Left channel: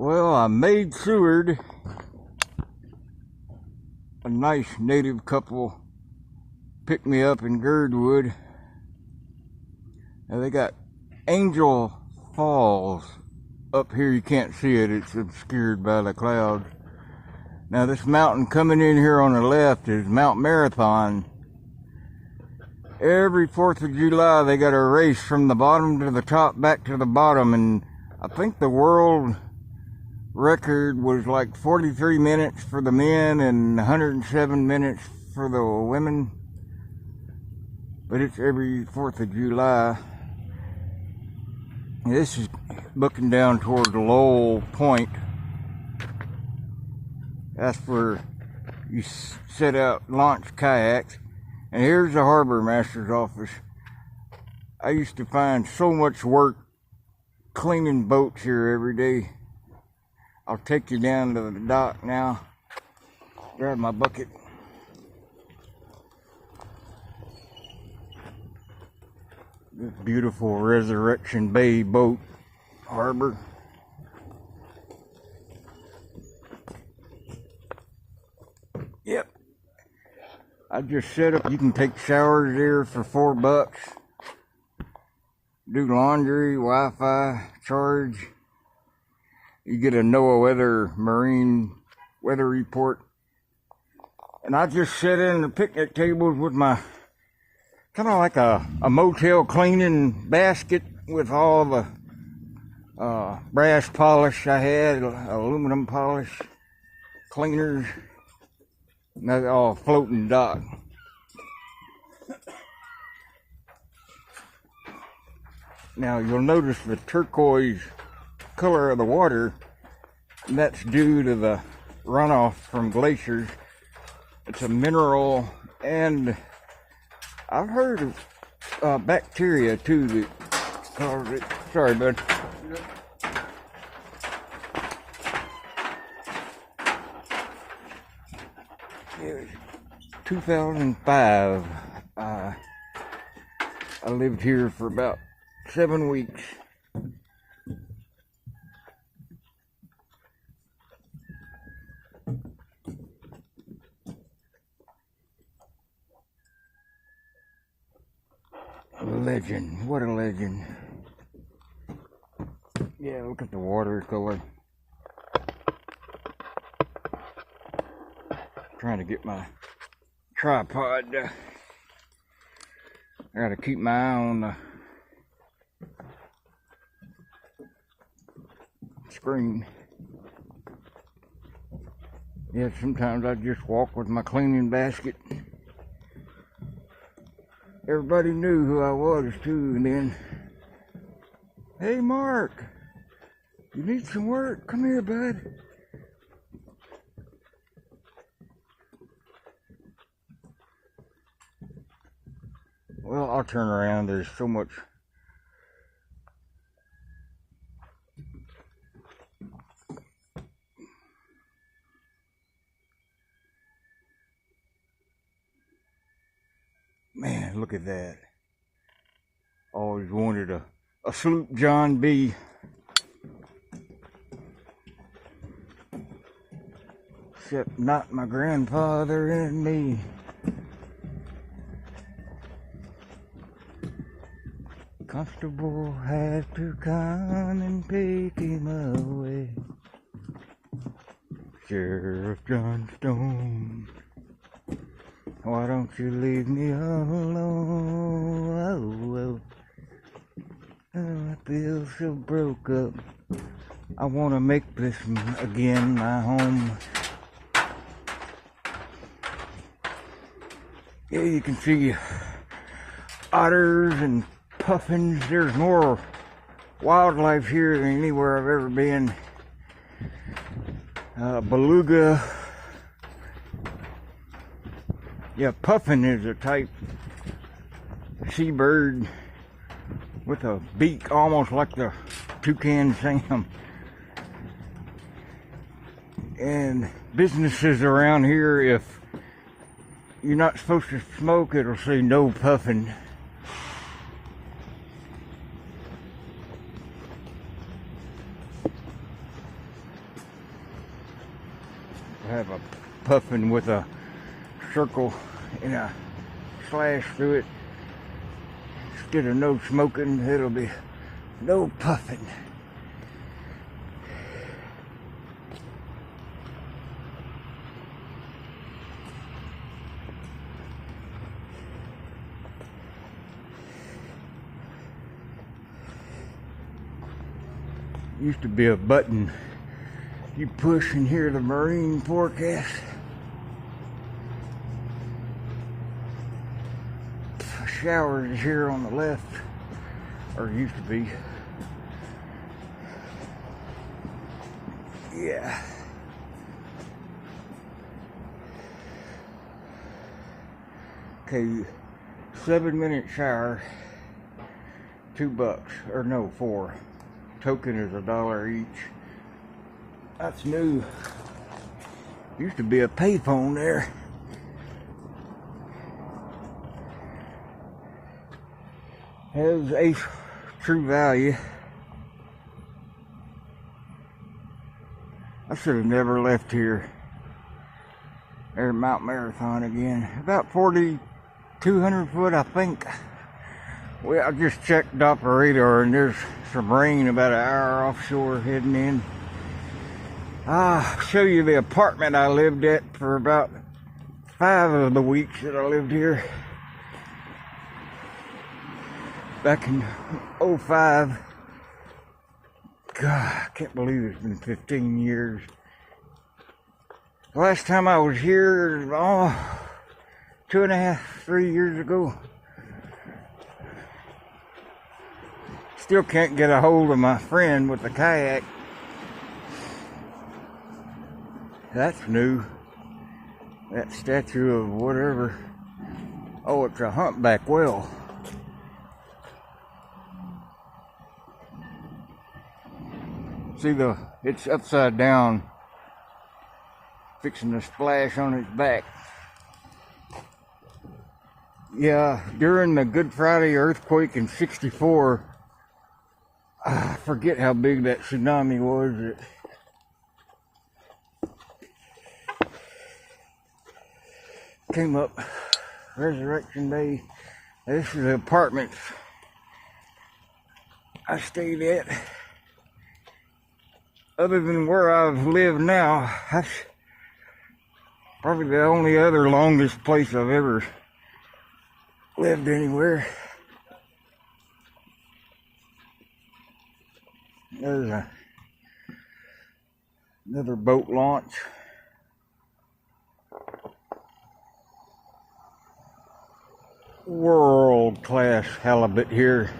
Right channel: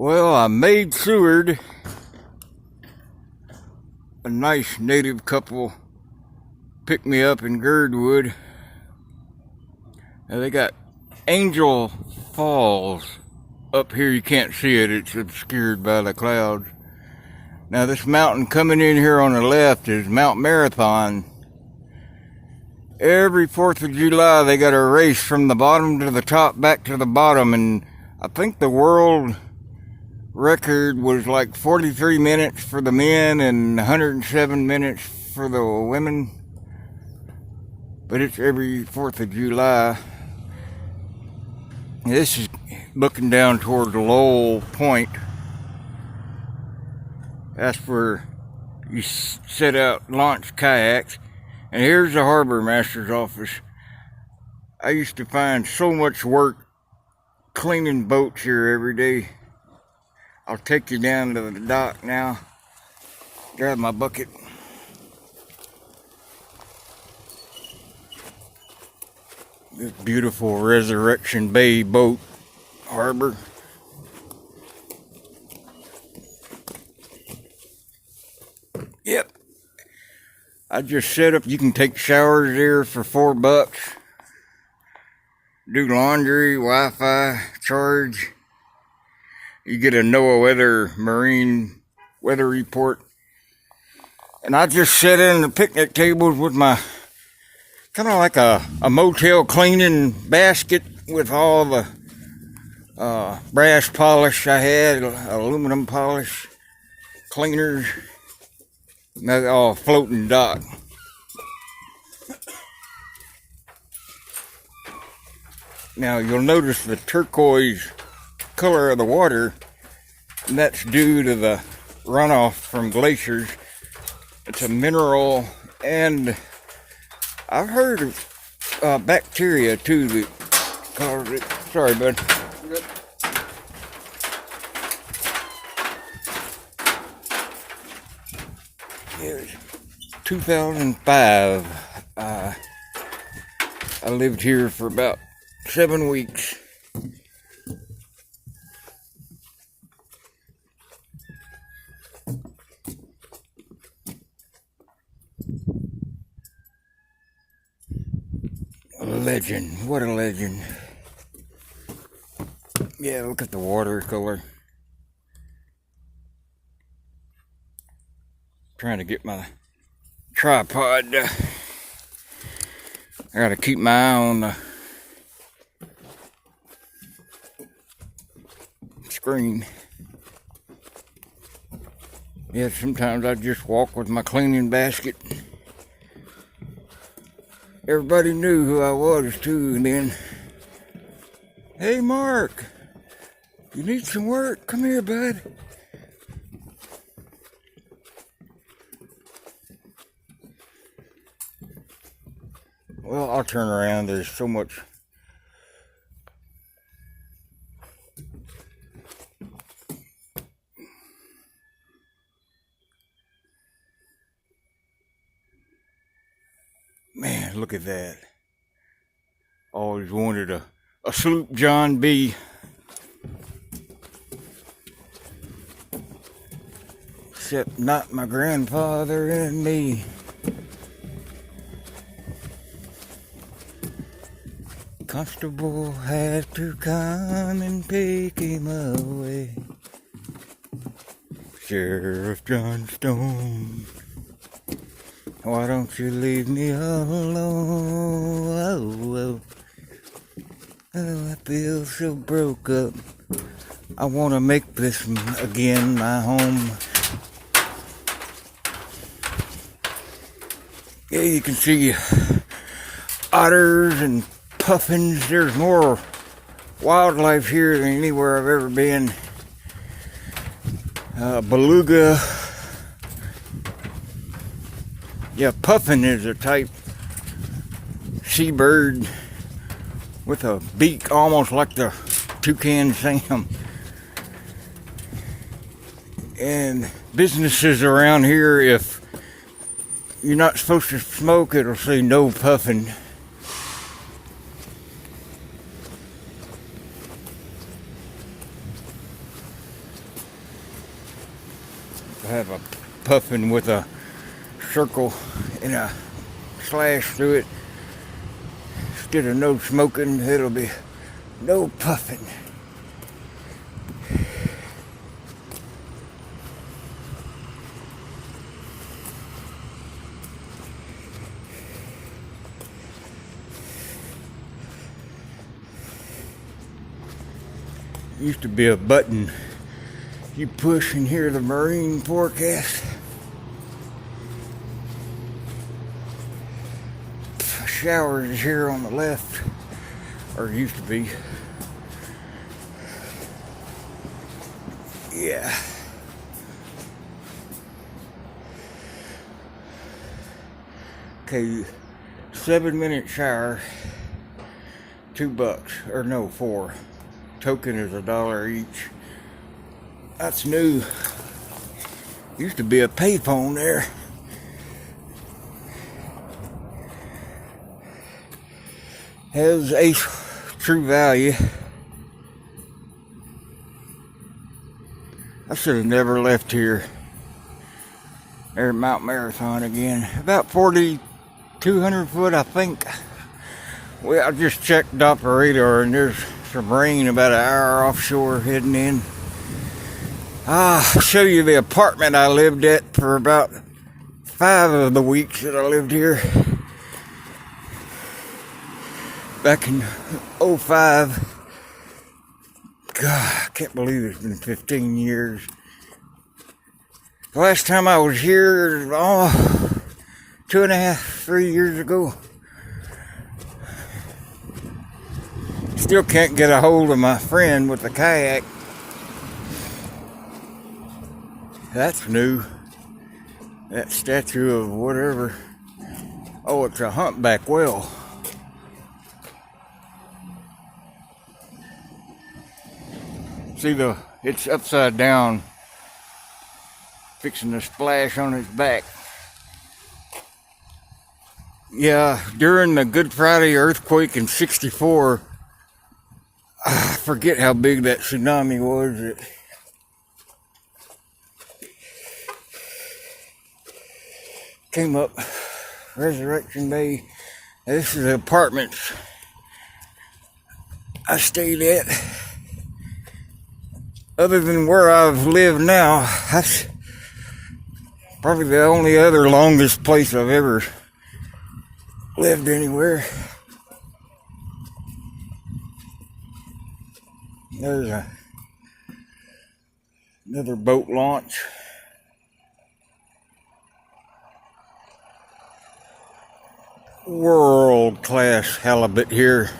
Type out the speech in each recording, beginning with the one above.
Well, I made Seward. A nice native couple picked me up in Girdwood. Now they got Angel Falls up here. You can't see it, it's obscured by the clouds. Now this mountain coming in here on the left is Mount Marathon. Every 4th of July they got a race from the bottom to the top, back to the bottom, and I think the world record was like 43 minutes for the men and 107 minutes for the women. But it's every 4th of July. This is looking down toward Lowell Point. That's where you set out, launch kayaks. And here's the harbor master's office. I used to find so much work cleaning boats here every day. I'll take you down to the dock now. Grab my bucket. This beautiful Resurrection Bay boat harbor. Yep. I just set up, you can take showers there for $4. Do laundry, Wi-Fi, charge. You get a NOAA weather, marine weather report. And I just sit in the picnic tables with my, kind of like a motel cleaning basket with all the brass polish I had, aluminum polish, cleaners. And that's all floating dock. Now you'll notice the turquoise color of the water, and that's due to the runoff from glaciers. It's a mineral, and I've heard of bacteria too that cause it. Sorry, bud. Here's 2005. I lived here for about 7 weeks. A legend. What a legend. Yeah, look at the watercolor. Trying to get my tripod. I gotta keep my eye on the screen. Yeah, sometimes I just walk with my cleaning basket. Everybody knew who I was too, and then, hey Mark, you need some work? Come here, bud. Well, I'll turn around. There's so much. Man, look at that. Always wanted a sloop John B. Except not my grandfather and me. Constable had to come and take him away. Sheriff John Stone, why don't you leave me alone? Oh, I feel so broke up. I want to make this again my home. Yeah, you can see otters and puffins. There's more wildlife here than anywhere I've ever been. Beluga. Yeah, puffin is a type seabird with a beak almost like the toucan Sam. And businesses around here, if you're not supposed to smoke, it'll say no puffin. have a puffin with a circle and a slash through it. Instead of no smoking, it'll be no puffin. Used to be a button you push and hear the marine forecast. Showers is here on the left, or used to be. Yeah. Okay, 7-minute shower, $2, or no, 4. Token is $1 each. That's new. Used to be a payphone there. Has a true value. I should have never left here. There at Mount Marathon again. About 4,200 foot, I think. Well, I just checked Doppler radar and there's some rain about an hour offshore heading in. I'll show you the apartment I lived at for about 5 of the weeks that I lived here. Back in 05. God, I can't believe it's been 15 years. The last time I was here, 2.5, 3 years ago. Still can't get a hold of my friend with the kayak. That's new. That statue of whatever. Oh, it's a humpback whale. See, it's upside down, fixing to splash on its back. Yeah, during the Good Friday earthquake in '64, I forget how big that tsunami was. It came up Resurrection Day. This is the apartments I stayed at. Other than where I've lived now, that's probably the only other longest place I've ever lived anywhere. There's another boat launch. World-class halibut here.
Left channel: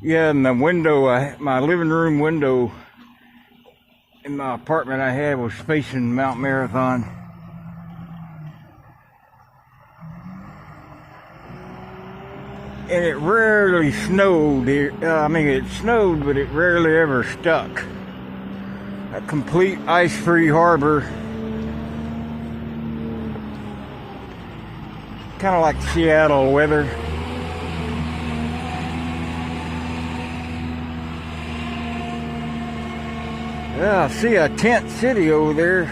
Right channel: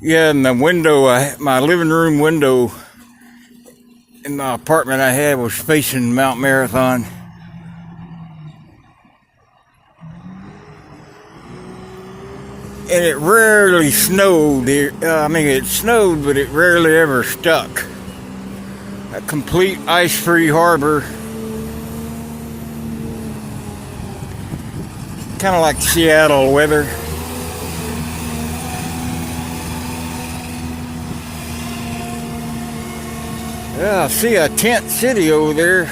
Yeah, and the window, my living room window in my apartment I had was facing Mount Marathon. And it rarely snowed. It snowed, but it rarely ever stuck. A complete ice-free harbor. Kind of like Seattle weather. Yeah, I see a tent city over there.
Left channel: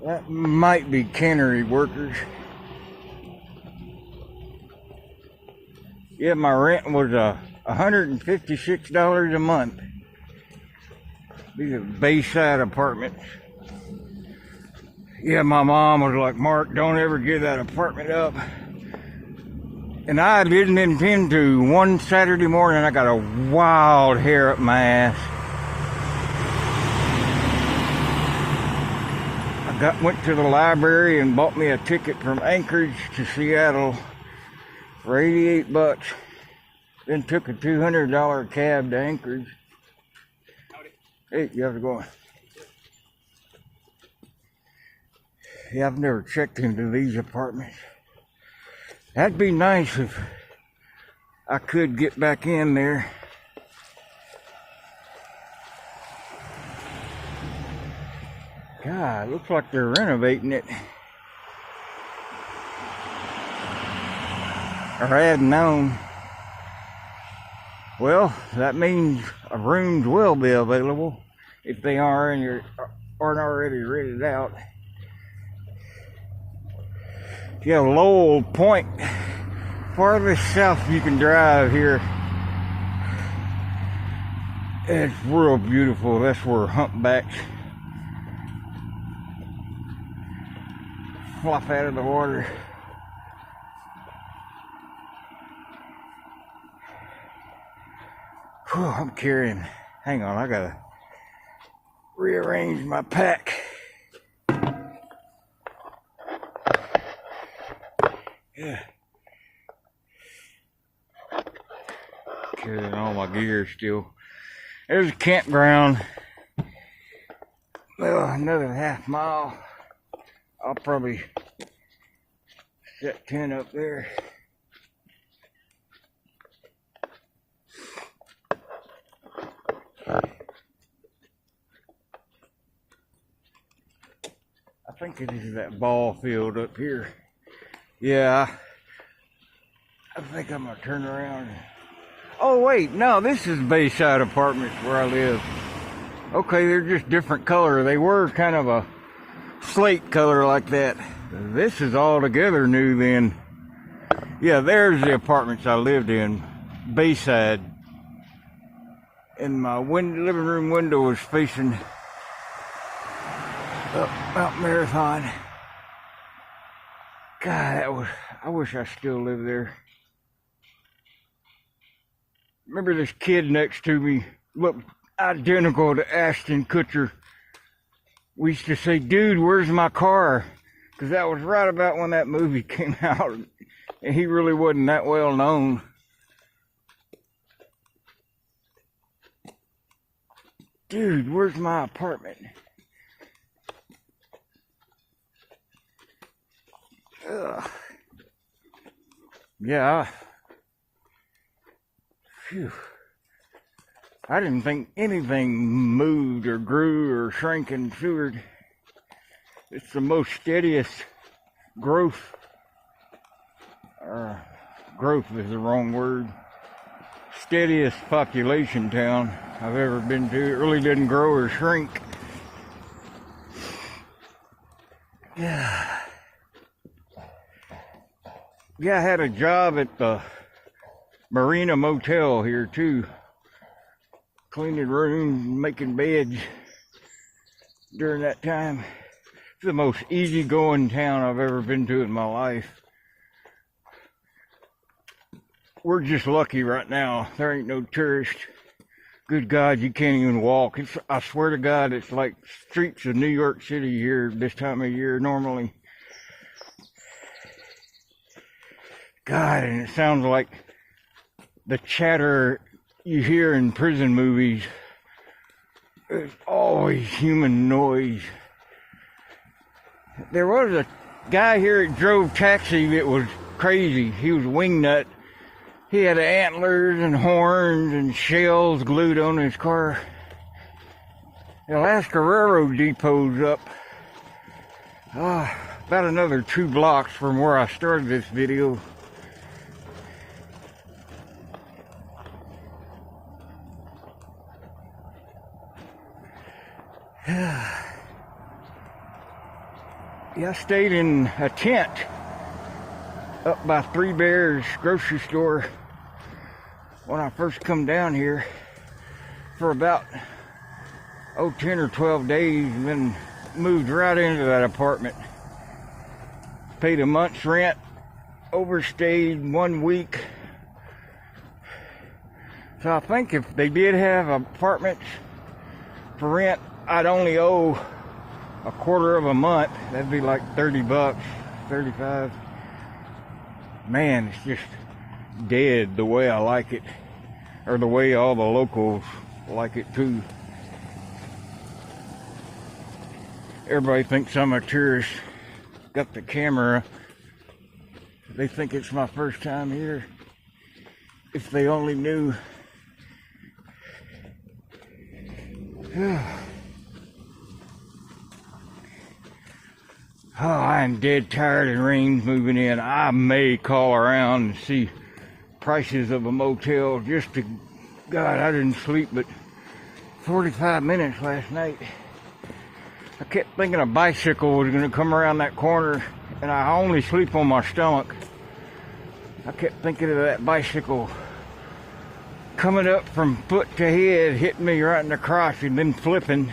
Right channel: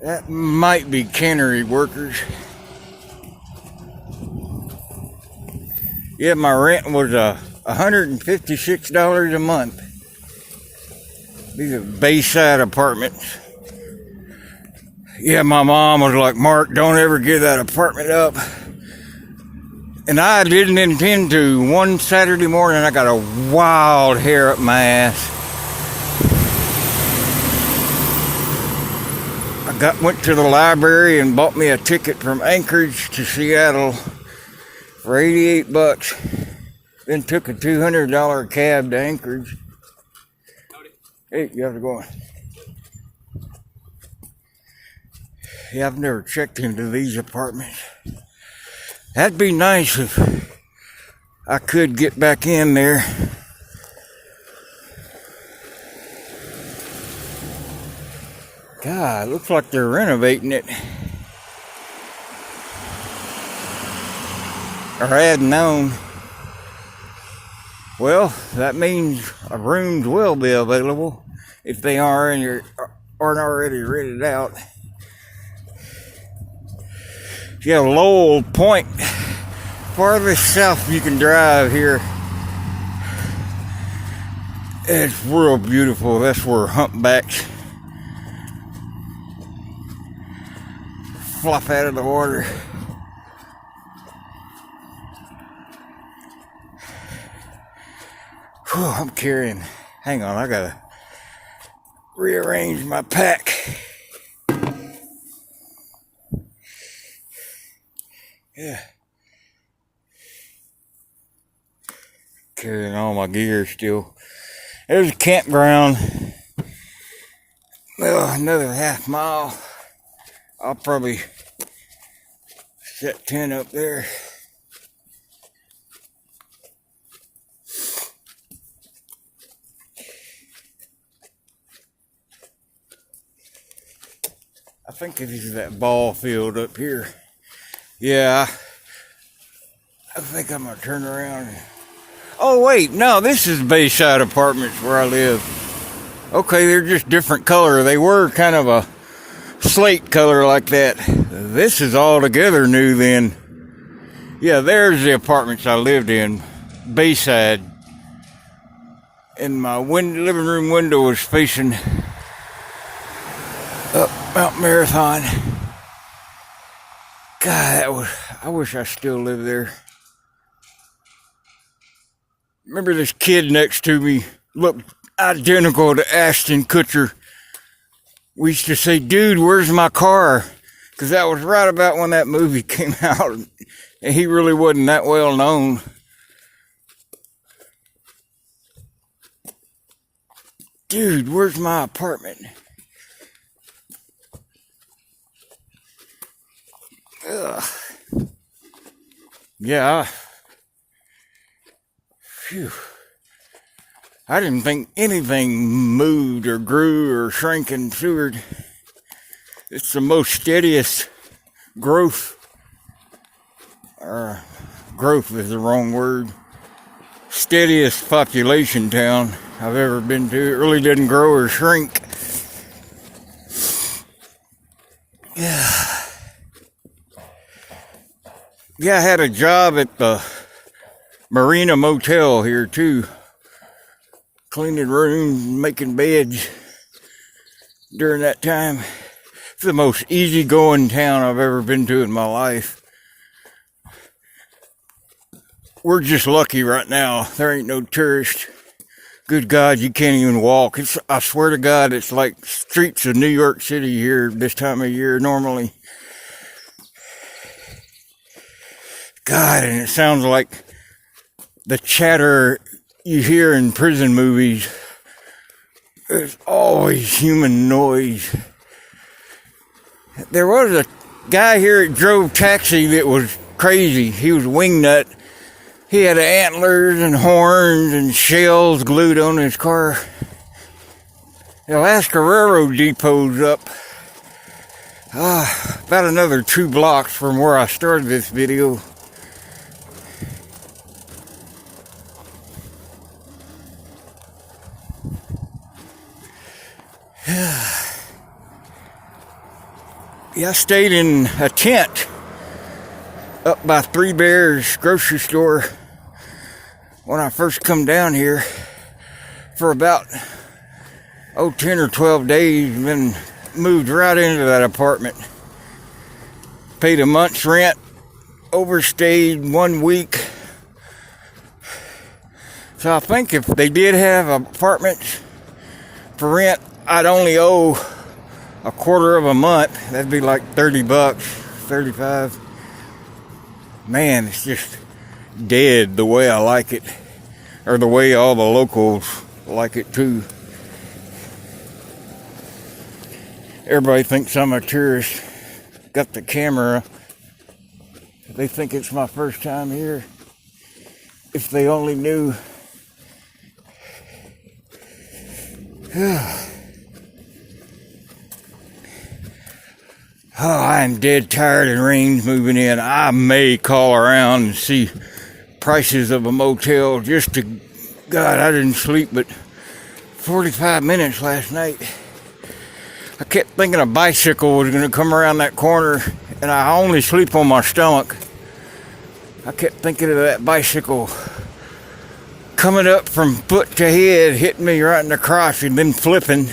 That might be cannery workers. Yeah, my rent was $156 a month. These are Bayside apartments. Yeah, my mom was like, Mark, don't ever give that apartment up. And I didn't intend to. One Saturday morning, I got a wild hair up my ass. I went to the library and bought me a ticket from Anchorage to Seattle for $88. Then took a $200 cab to Anchorage. Hey, you have to go on. Yeah, I've never checked into these apartments. That'd be nice if I could get back in there. God, looks like they're renovating it. or had known. Well, that means rooms will be available if they aren't already rented out. Yeah, Lowell Point, farthest south you can drive here. It's real beautiful. That's where humpbacks flop out of the water. Whew, I'm carrying. Hang on, I gotta rearrange my pack. Yeah. Carrying all my gear still. There's a campground. Well, another half mile. I'll probably set tent up there. I think it is that ball field up here. Yeah, I think I'm gonna turn around. Oh wait, no, this is Bayside Apartments where I live. Okay, they're just different color. They were kind of a slate color like that. This is altogether new then. Yeah, there's the apartments I lived in, Bayside. And my living room window was facing up Mount Marathon. God, I wish I still lived there. Remember this kid next to me looked identical to Ashton Kutcher. We used to say, dude, where's my car? Because that was right about when that movie came out. And he really wasn't that well known. Dude, where's my apartment? Ugh. Yeah. Phew. I didn't think anything moved or grew or shrank in Seward. It's the most steadiest growth. Or growth is the wrong word. Steadiest population town I've ever been to. It really didn't grow or shrink. Yeah. Yeah, I had a job at the Marina Motel here too. Cleaning rooms, making beds during that time. It's the most easygoing town I've ever been to in my life. We're just lucky right now. There ain't no tourists. Good God, you can't even walk. I swear to God, it's like streets of New York City here this time of year normally. God, and it sounds like the chatter you hear in prison movies. There's always human noise. There was a guy here that drove taxi that was crazy. He was a wingnut. He had antlers and horns and shells glued on his car. The Alaska Railroad Depot's up about another 2 blocks from where I started this video. Yeah, I stayed in a tent up by Three Bears grocery store when I first come down here for about 10 or 12 days, and then moved right into that apartment. Paid a month's rent, overstayed 1 week. So I think if they did have apartments for rent, I'd only owe a quarter of a month. That'd be like $30, 35. Man, it's just dead the way I like it, or the way all the locals like it too. Everybody thinks I'm a tourist. Got the camera. They think it's my first time here. If they only knew. Oh, I am dead tired and rain's moving in. I may call around and see prices of a motel just to, God, I didn't sleep but 45 minutes last night. I kept thinking a bicycle was going to come around that corner, and I only sleep on my stomach. I kept thinking of that bicycle coming up from foot to head, hitting me right in the crotch and then flipping.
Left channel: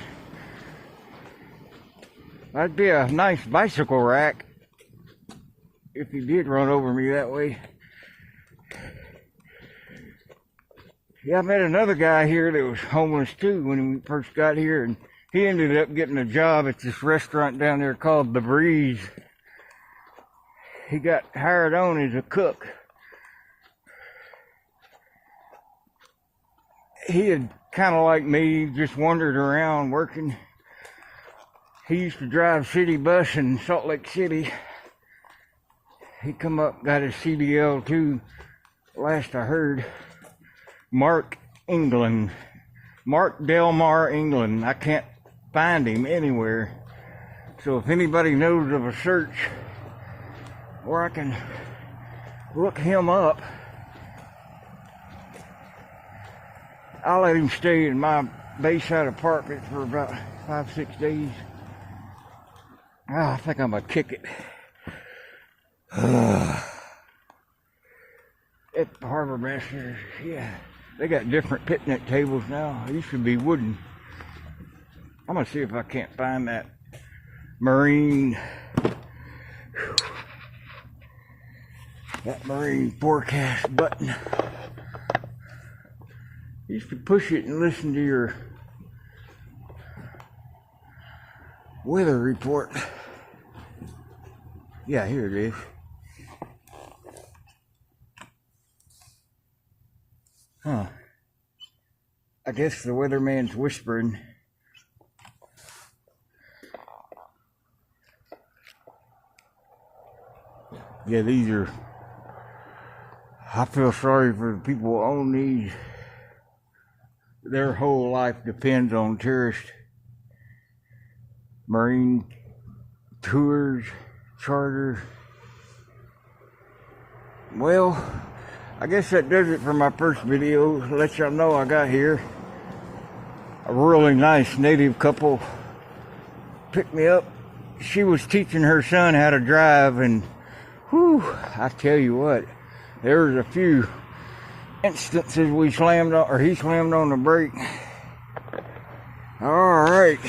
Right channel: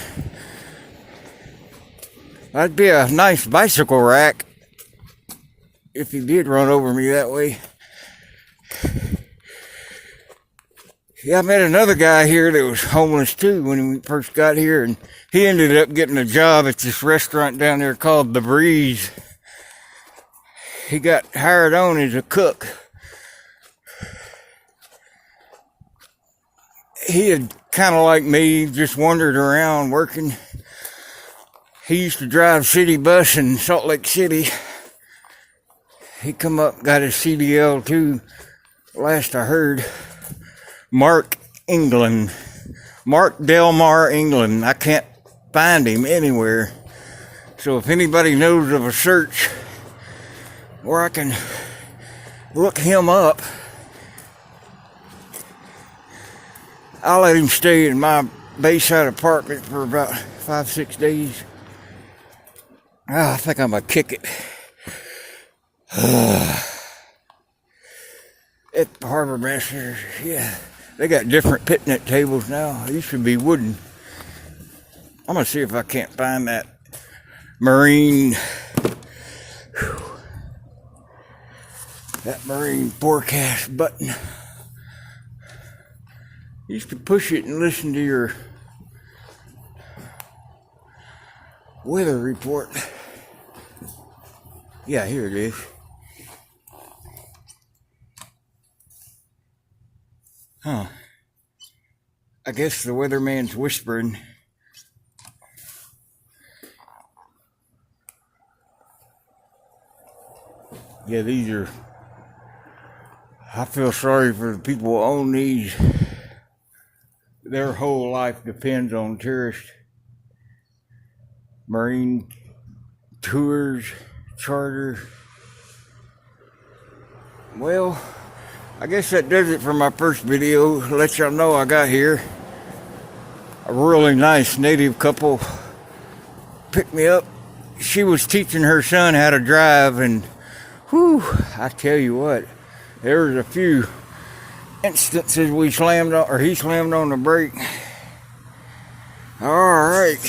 That'd be a nice bicycle rack if he did run over me that way. Yeah, I met another guy here that was homeless too when we first got here, and he ended up getting a job at this restaurant down there called The Breeze. He got hired on as a cook. He had kind of like me, just wandered around working. He used to drive city bus in Salt Lake City. He come up, got his CDL too, last I heard. Mark Delmar, England. I can't find him anywhere. So if anybody knows of a search where I can look him up, I'll let him stay in my Bayside apartment for about 5-6 days. Oh, I think I'm gonna kick it. At the Harbor Master, yeah. They got different picnic tables now. They used to be wooden. I'm gonna see if I can't find that marine forecast button. You used to push it and listen to your weather report. Yeah, here it is. Huh. I guess the weatherman's whispering. Yeah, these are... I feel sorry for the people who own these. Their whole life depends on tourist marine tours, charter. Well, I guess that does it for my first video. Let y'all know I got here. A really nice native couple picked me up. She was teaching her son how to drive, and whew, I tell you what, there was a few instances he slammed on the brake. All right.